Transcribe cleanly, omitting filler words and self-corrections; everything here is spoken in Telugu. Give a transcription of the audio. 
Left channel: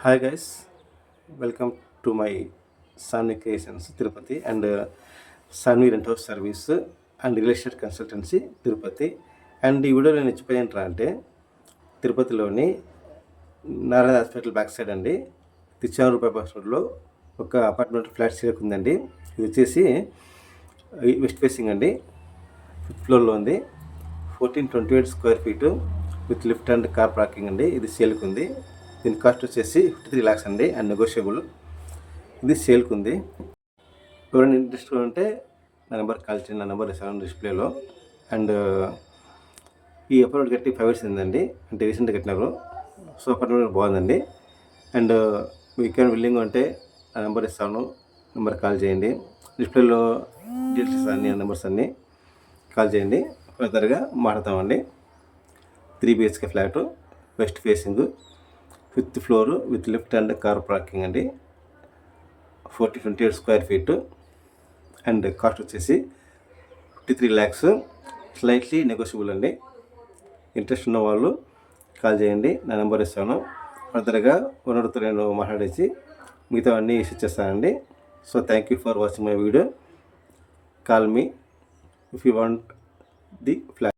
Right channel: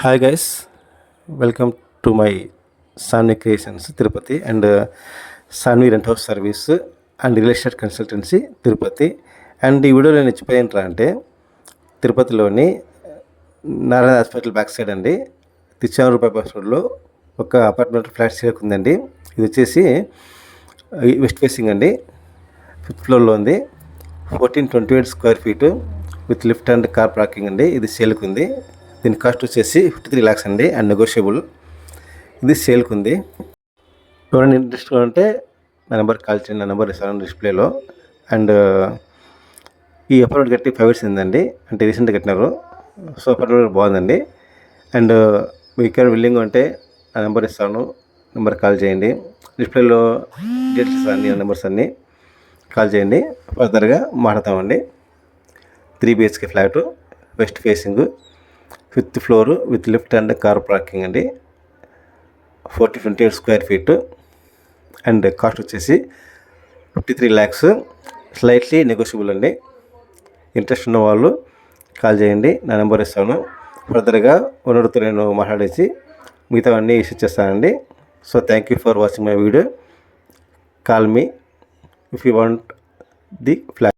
Hi guys, welcome to my Sanvi Creations Tirupati and Sanvi Rent House Service and Real Estate Consultancy Tirupati. And ఈ వీడియోలో నేను చెప్పేది ఏంట్రా అంటే తిరుపతిలోని నారాయణ హాస్పిటల్ బ్యాక్ సైడ్ అండి, తిచ్చానూరు బైపాస్ రోడ్లో ఒక అపార్ట్మెంట్ ఫ్లాట్ సేల్కి ఉందండి. ఇది వచ్చేసి వెస్ట్ ఫేసింగ్ అండి, 5th ఫ్లోర్లో ఉంది. 1428 square feet with lift and car parking అండి. ఇది సేల్కి ఉంది. దీని కాస్ట్ వచ్చేసి 53 lakhs అండి అండ్ నెగోషియబుల్. ఇది సేల్కి ఉంది. ఎవరైనా ఇంట్రెస్ట్ ఉంటే నా నెంబర్ కాల్ చేయండి. నా నెంబర్ ఇస్తాను డిస్ప్లేలో. అండ్ ఈ అపార్ట్మెంట్ కట్టి 5 years అయిందండి, అంటే రీసెంట్గా కట్టినారు. సో అపార్ట్మెంట్ బాగుందండి. అండ్ మీకు ఏమైనా బిల్డింగ్ అంటే నా నెంబర్ ఇస్తాను, నెంబర్ కాల్ చేయండి. డిస్ప్లేలో డీటెయిల్స్ అన్ని నెంబర్స్ అన్నీ కాల్ చేయండి, ఫర్దర్గా మాట్లాడతామండి. 3 BHK flat, west facing, 5th floor with lift and car parking అండి. 28 స్క్వేర్ ఫీట్ అండ్ కాస్ట్ వచ్చేసి 53 lakhs, స్లైట్లీ నెగోషియబుల్ అండి. ఇంట్రెస్ట్ ఉన్న వాళ్ళు కాల్ చేయండి, నా నెంబర్ ఇస్తాను. ఫర్దర్గా ఓనర్తో నేను మాట్లాడేసి మిగతా అన్నీ ఇష్యూ చేస్తానండి. So thank you for watching my video. Call me if you want the flat.